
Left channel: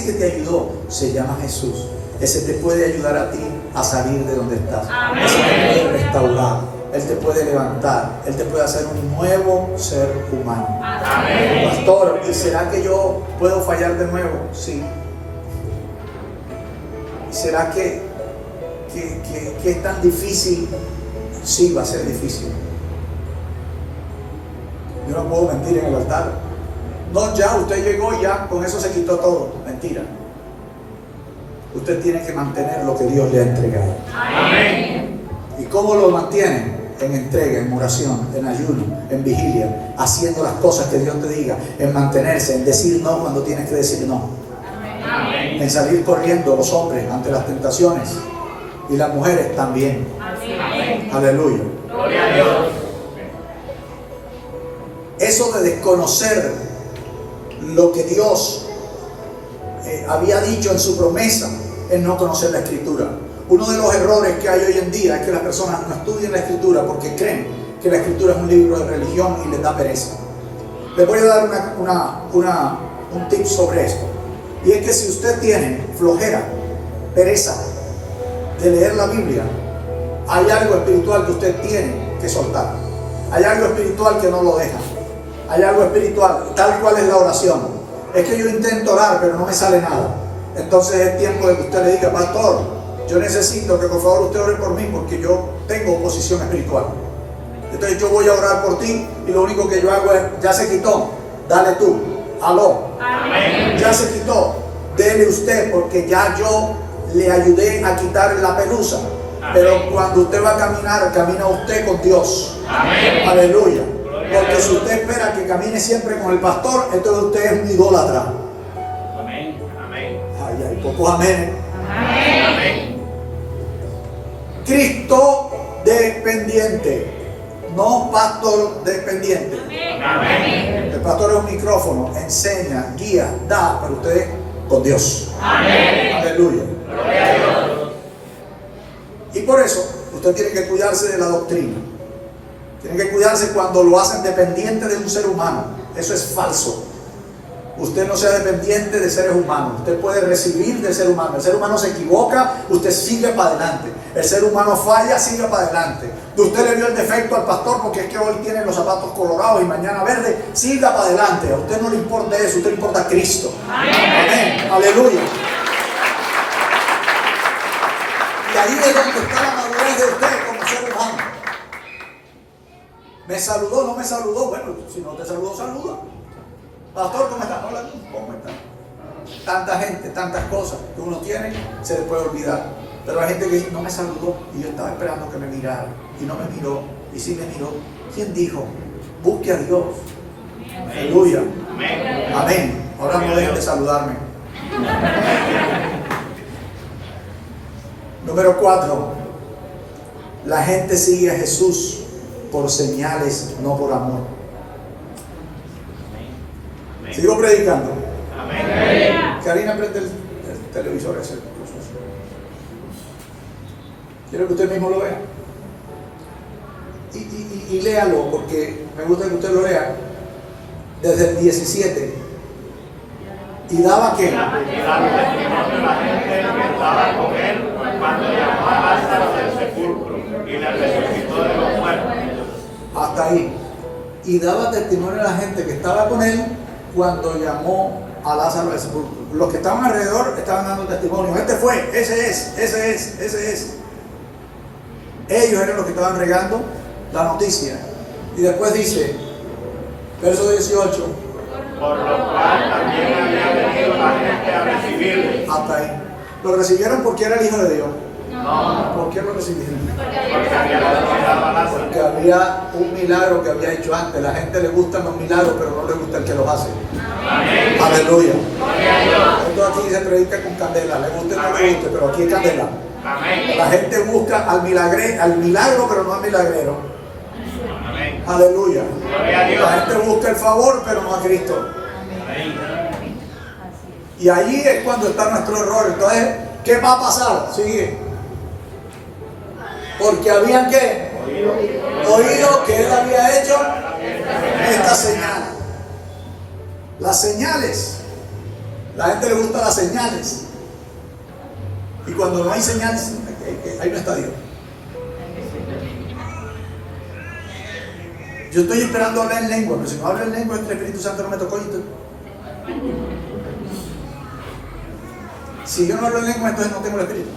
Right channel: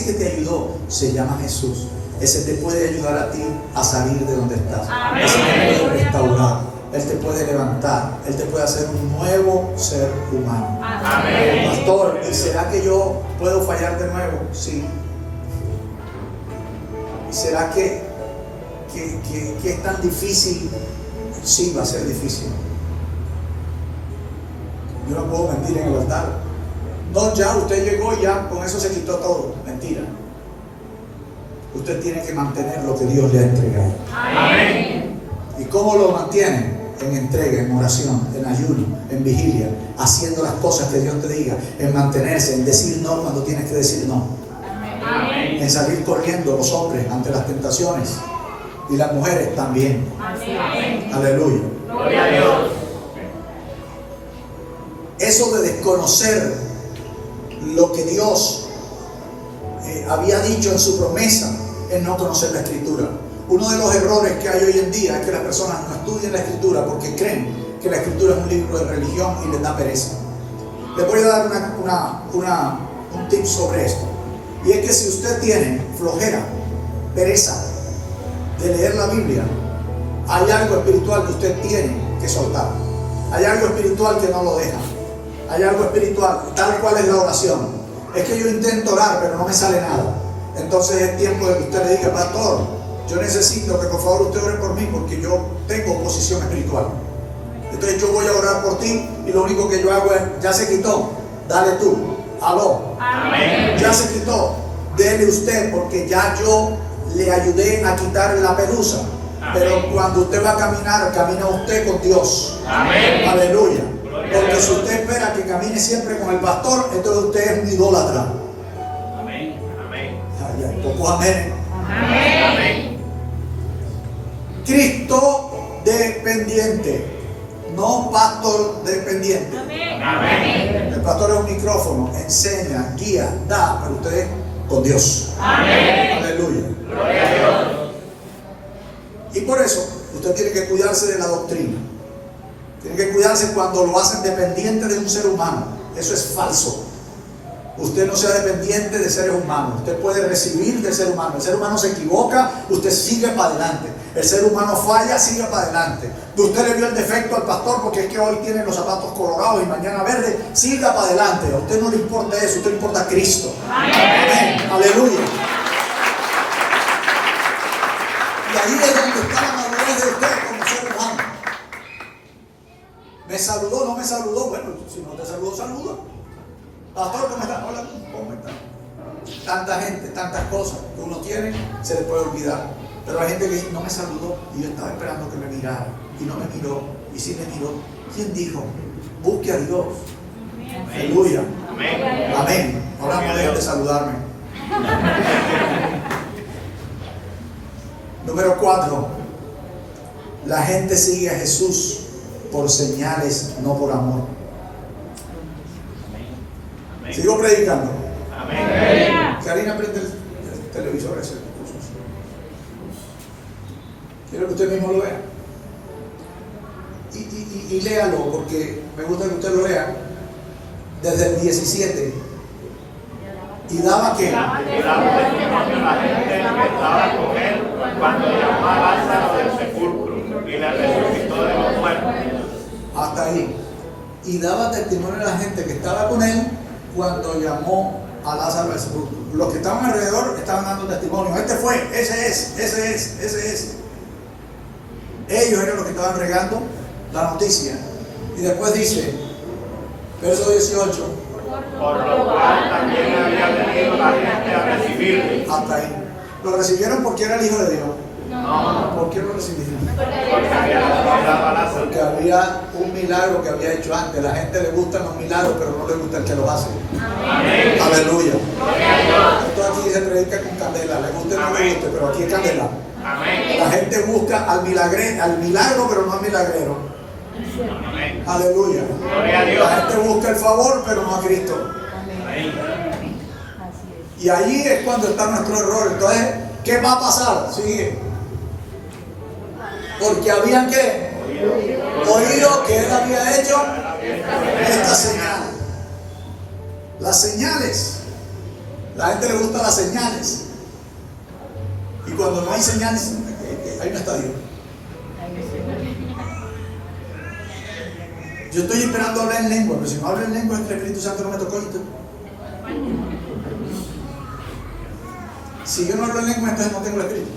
que te ayudó se llama Jesús. Ese te puede ayudar a ti a salir de donde estás. Amén. Ese te puede restaurar. Él te puede levantar. Él te puede hacer un nuevo ser humano. Amén. Pastor, ¿y será que yo puedo fallar de nuevo? Sí. ¿Será que es tan difícil? Sí, va a ser difícil. Yo no puedo mentir en el altar. No, ya, usted llegó y ya, con eso se quitó todo. Mentira. Usted tiene que mantener lo que Dios le ha entregado. Amén. ¿Y cómo lo mantiene? en entrega, en oración, en ayuno, en vigilia, haciendo las cosas que Dios te diga, en mantenerse, en decir no cuando tienes que decir no, Amén. en salir corriendo los hombres ante las tentaciones y las mujeres también. Amén. Aleluya. Gloria a Dios. Eso de desconocer lo que Dios había dicho en su promesa es no conocer la Escritura. Uno de los errores que hay hoy en día es que las personas no estudian la Escritura porque creen que la Escritura es un libro de religión y les da pereza. Les voy a dar un tip sobre esto. Y es que si usted tiene flojera, pereza de leer la Biblia, hay algo espiritual que usted tiene que soltar. Hay algo espiritual que no lo deja. Hay algo espiritual, tal cual es la oración. Es que yo intento orar, pero no me sale nada. Entonces es tiempo de que usted le diga, pastor, yo necesito que por favor usted ore por mí porque yo tengo oposición espiritual. Entonces yo voy a orar por ti y lo único que yo hago es, ya se quitó, dale tú, aló. Amén. Ya se quitó, dele usted porque ya yo le ayudé a quitarle la pelusa. Pero cuando usted va a caminar, camina usted con Dios. Amén. Aleluya. Gloria a Porque Dios. si usted espera que camine siempre con el pastor, entonces usted es un idólatra. Amén. Amén. Ay, hay pocos amén. Amén. Cristo dependiente, no pastor dependiente. Amén. El pastor es un micrófono, enseña, guía, da, pero usted es con Dios. Amén. Aleluya. Gloria a Dios. Y por eso usted tiene que cuidarse de la doctrina. Tiene que cuidarse cuando lo hacen dependiente de un ser humano. Eso es falso. Usted no sea dependiente de seres humanos. Usted puede recibir del ser humano. El ser humano se equivoca, usted sigue para adelante. El ser humano falla, sigue para adelante. Usted le vio el defecto al pastor porque es que hoy tiene los zapatos colorados y mañana verde. Siga para adelante. A usted no le importa eso, a usted le importa Cristo. Amén. Aleluya. Y ahí es donde está la madurez de usted como ser humano. ¿Me saludó? ¿No me saludó? Bueno, si no te saludó, saluda. Pastor, ¿cómo estás? Hola, ¿cómo estás? Tanta gente, tantas cosas que uno tiene, se le puede olvidar. Pero hay gente que dice, no me saludó y yo estaba esperando que me mirara. Y no me miró, y sí me miró. ¿Quién dijo? Busque a Dios. Aleluya. Amén. Amén. Ahora no dejen de saludarme. Número 4. La gente sigue a Jesús por señales, no por amor. Sigo predicando. Amén. Karina, prende el televisor ese. Quiero que usted mismo lo vea. Y léalo, porque me gusta que usted lo lea. Desde el 17. Y daba que. Y damos testimonio a la gente que estaba con él cuando llamó a Lázaro del sepulcro y le resucitó de los muertos. Hasta ahí. Y daba testimonio a la gente que estaba con él cuando llamó a Lázaro del sepulcro. Los que estaban alrededor estaban dando testimonio. Este fue, ese es. Ellos eran los que estaban regando la noticia. Y después dice, verso 18. Por lo cual también había venido la gente a recibirle. Hasta ahí. Lo recibieron porque era el Hijo de Dios. No, ¿Por qué lo recibieron? porque había resucitado a Lázaro. Porque había un milagro que había hecho antes. La gente le gustan los milagros, pero no le gusta el que los hace. Amén. Aleluya. Gloria a Dios. Esto aquí se predica con candela. Le gusta o no le Amén. guste, pero aquí hay candela. Amén. La gente busca al milagro, pero no al milagrero. Amén. Aleluya. Gloria a La Dios. gente busca el favor, pero no a Cristo. Y ahí es cuando está nuestro error. Entonces, ¿qué va a pasar? Sigue. Porque habían que oído que él había hecho esta señal. Las señales. La gente le gusta las señales. Y cuando no hay señales, ahí no está Dios. Yo estoy esperando hablar en lengua, pero si no hablo en lengua, el Espíritu Santo no me tocó. Si yo no hablo en lengua, entonces no tengo el Espíritu.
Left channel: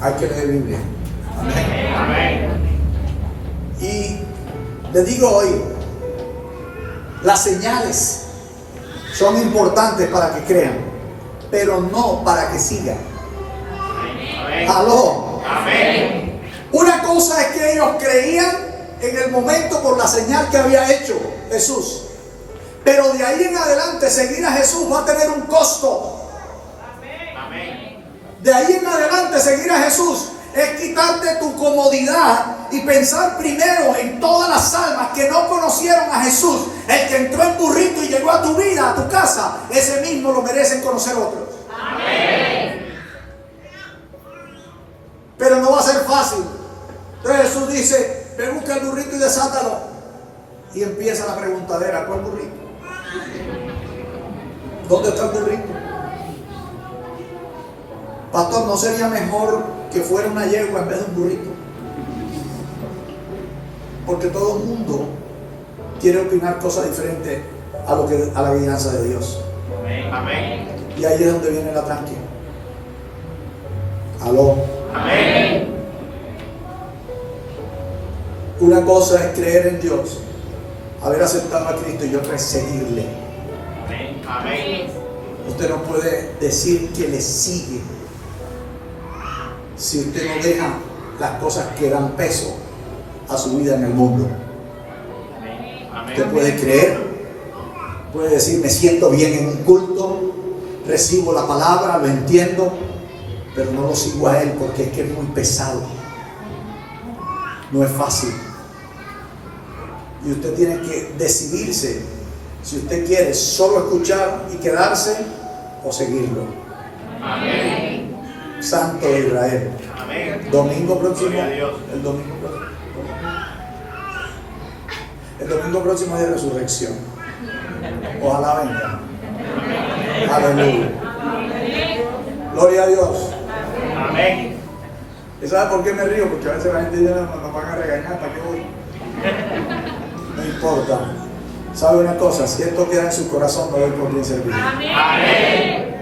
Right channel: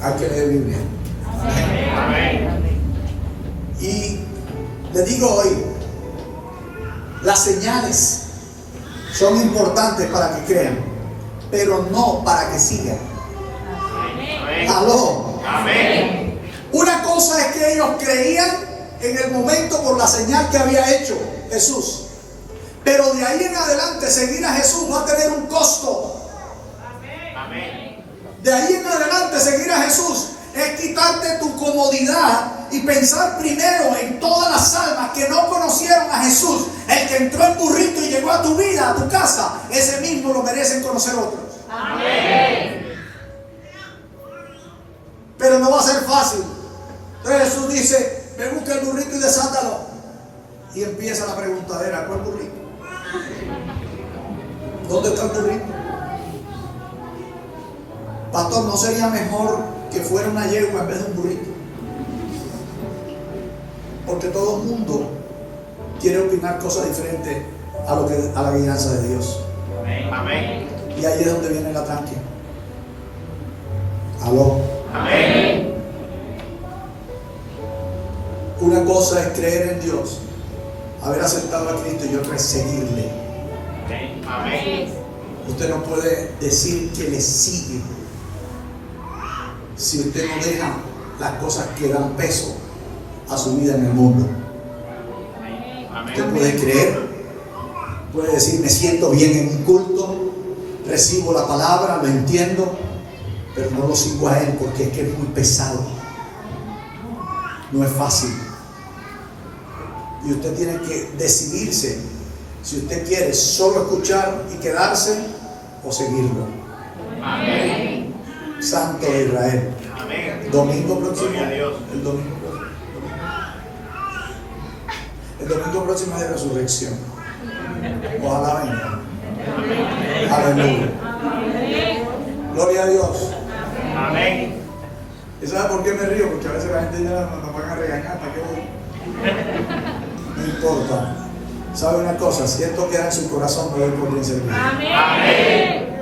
Hay que leer Biblia. Amén. Y le digo hoy, las señales son importantes para que crean, pero no para que sigan. Amén. Aló. Amén. Una cosa es que ellos creían en el momento por la señal que había hecho Jesús. Pero de ahí en adelante seguir a Jesús va a tener un costo. Amén. De ahí en adelante seguir a Jesús es quitarte tu comodidad y pensar primero en todas las almas que no conocieron a Jesús. El que entró en burrito y llegó a tu vida, a tu casa, ese mismo lo merecen conocer otros. Amén. Pero no va a ser fácil. Entonces Jesús dice: ve, busca el burrito y desátalo. Y empieza la preguntadera: ¿cuál burrito? ¿Dónde está el burrito? Pastor, ¿no sería mejor que fuera una yegua en vez de un burrito? Porque todo el mundo quiere opinar cosas diferentes a la guianza de Dios. Amén. Y ahí es donde viene el ataque. Aló. Amén. Una cosa es creer en Dios, haber aceptado a Cristo, y otra es seguirle. Amén. Usted no puede decir que le sigue si usted no deja las cosas que dan peso a su vida en el mundo. Usted puede creer, puede decir: me siento bien en un culto, recibo la palabra, lo entiendo, pero no lo sigo a Él porque es que es muy pesado, no es fácil. Y usted tiene que decidirse si usted quiere solo escuchar y quedarse o seguirlo. Amén. Santo de Israel. Amén. Domingo próximo. Gloria a Dios. El domingo próximo es de resurrección. Ojalá venga. Aleluya. Gloria a Dios. Amén. ¿Y sabe por qué me río? Porque a veces la gente ya nos van a regañar. ¿Para qué voy? No importa. ¿Sabe una cosa? Si esto queda en su corazón, no hay por quién servir. Amén.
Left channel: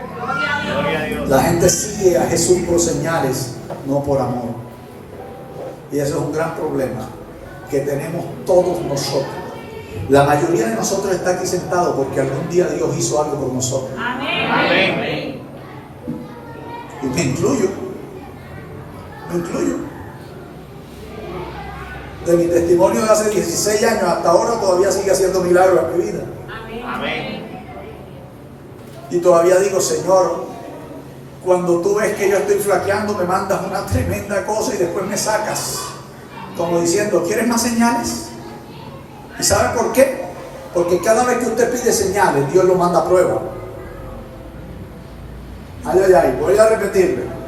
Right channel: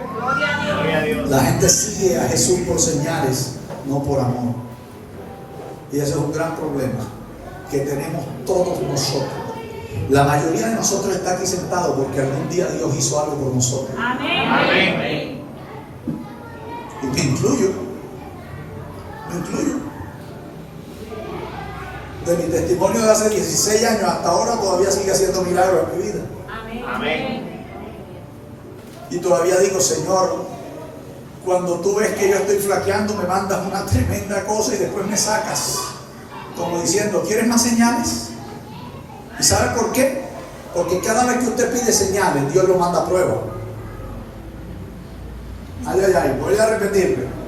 Gloria a Dios. La gente sigue a Jesús por señales, no por amor. Y eso es un gran problema que tenemos todos nosotros. La mayoría de nosotros está aquí sentado porque algún día Dios hizo algo por nosotros. Amén. Y me incluyo. De mi testimonio de hace 16 años hasta ahora todavía sigue haciendo milagros en mi vida. Amén. Y todavía digo: Señor, cuando tú ves que yo estoy flaqueando, me mandas una tremenda cosa y después me sacas. Como diciendo: ¿quieres más señales? ¿Y sabe por qué? Porque cada vez que usted pide señales, Dios lo manda a prueba. Ay, voy a repetirle.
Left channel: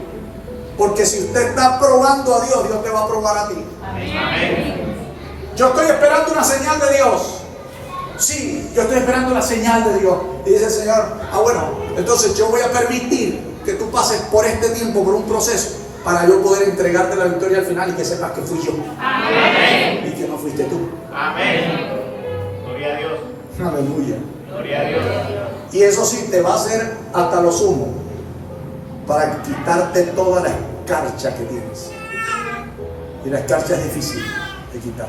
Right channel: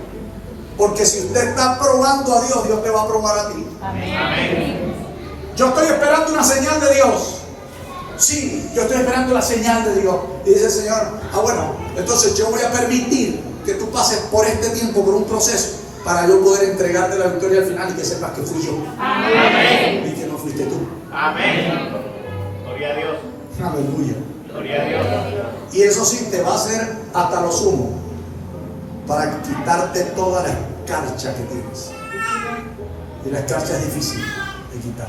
Porque si usted está probando a Dios, Dios te va a probar a ti. Amén. Yo estoy esperando una señal de Dios. Sí, yo estoy esperando la señal de Dios. Y dice el Señor: bueno, entonces yo voy a permitir que tú pases por este tiempo, por un proceso, para yo poder entregarte la victoria al final y que sepas que fui yo. Amén. Y que no fuiste tú. Amén. Gloria a Dios. Aleluya. Gloria a Dios. Y eso sí te va a hacer hasta lo sumo para quitarte toda la escarcha que tienes. Y la escarcha es difícil de quitar.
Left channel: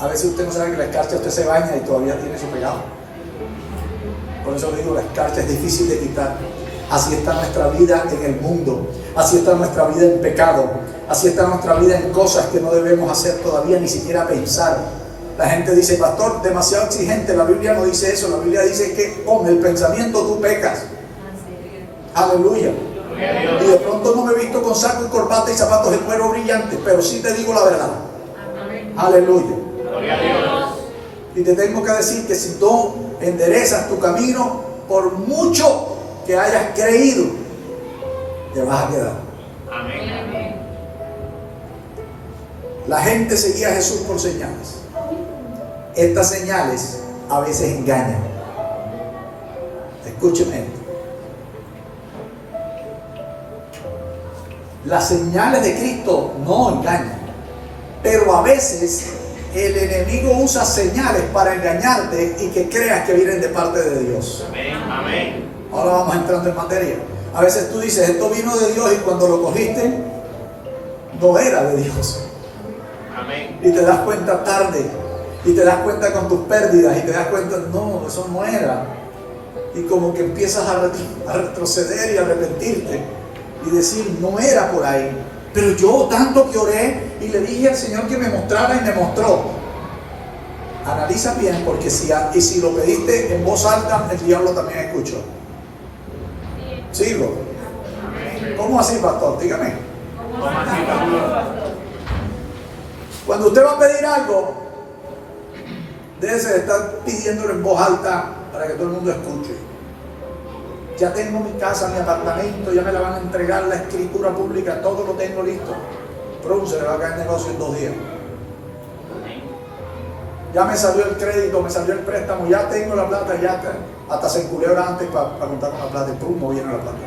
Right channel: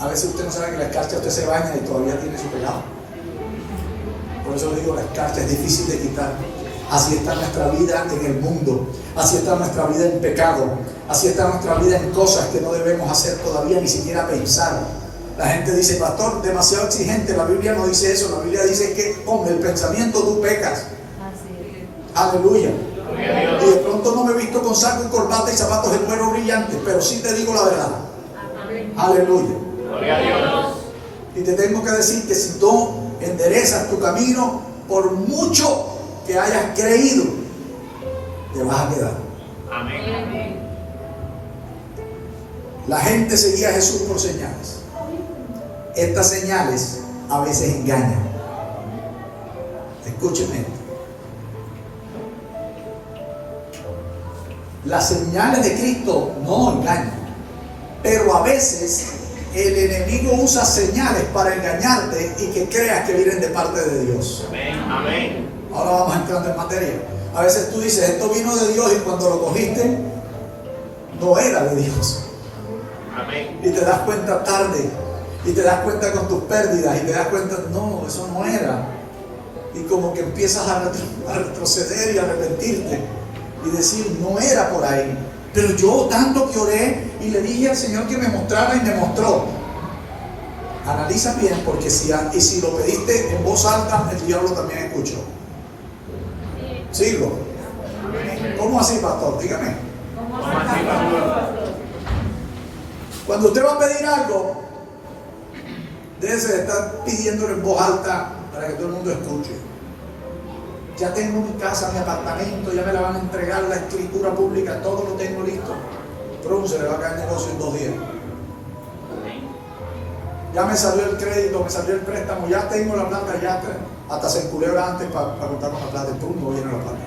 A veces usted no sabe que la escarcha, usted se baña y todavía tiene su pegado. Por eso le digo, la escarcha es difícil de quitar. Así está nuestra vida en el mundo. Así está nuestra vida en pecado. Así está nuestra vida en cosas que no debemos hacer todavía, ni siquiera pensar. La gente dice: pastor, demasiado exigente. La Biblia no dice eso. La Biblia dice que con el pensamiento tú pecas. Aleluya. Gloria a Dios. Y de pronto no me he visto con saco y corbata y zapatos de cuero brillantes, pero sí te digo la verdad. Aleluya. Gloria a Dios. Y te tengo que decir que si tú enderezas tu camino, por mucho que hayas creído, te vas a quedar. Amén. La gente seguía a Jesús por señales. Estas señales a veces engañan. Escúcheme esto. Las señales de Cristo no engañan, pero a veces el enemigo usa señales para engañarte y que creas que vienen de parte de Dios. Amén. Amén. Ahora vamos entrando en materia. A veces tú dices: esto vino de Dios, y cuando lo cogiste no era de Dios. Amén. Y te das cuenta tarde, y te das cuenta con tus pérdidas, y te das cuenta: no, eso no era. Y como que empiezas a retroceder y a arrepentirte. y decir, no era por ahí. Pero yo tanto que oré y le dije al Señor que me mostrara y me mostró. Analiza bien, porque si lo pediste en voz alta, el diablo también escuchó. ¿Sigo? ¿Cómo así, pastor? Dígame. ¿Cómo así, pastor? Cuando usted va a pedir algo, debe de estar pidiéndolo en voz alta para que todo el mundo escuche. Ya tengo mi casa, mi apartamento, ya me la van a entregar, la escritura pública, todo lo tengo listo. Pronto se le va a caer el negocio en 2 días. Ya me salió el crédito, me salió el préstamo, ya tengo la plata, ya hasta se enculebra antes para contar una plata y pum, no viene la plata.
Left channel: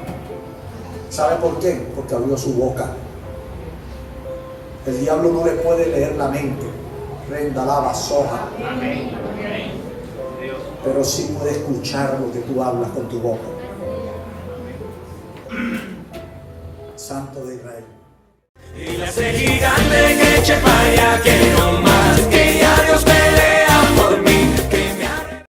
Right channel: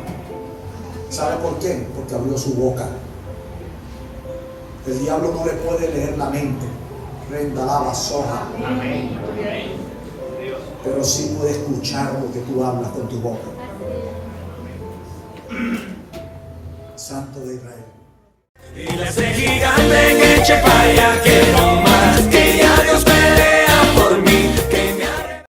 ¿Sabe por qué? Porque abrió su boca. El diablo no le puede leer la mente. Prenda la vasoja. Amén. Dios. Pero sí puede escuchar lo que tú hablas con tu boca. Santo de Israel. Y la hace gigante que eche para allá.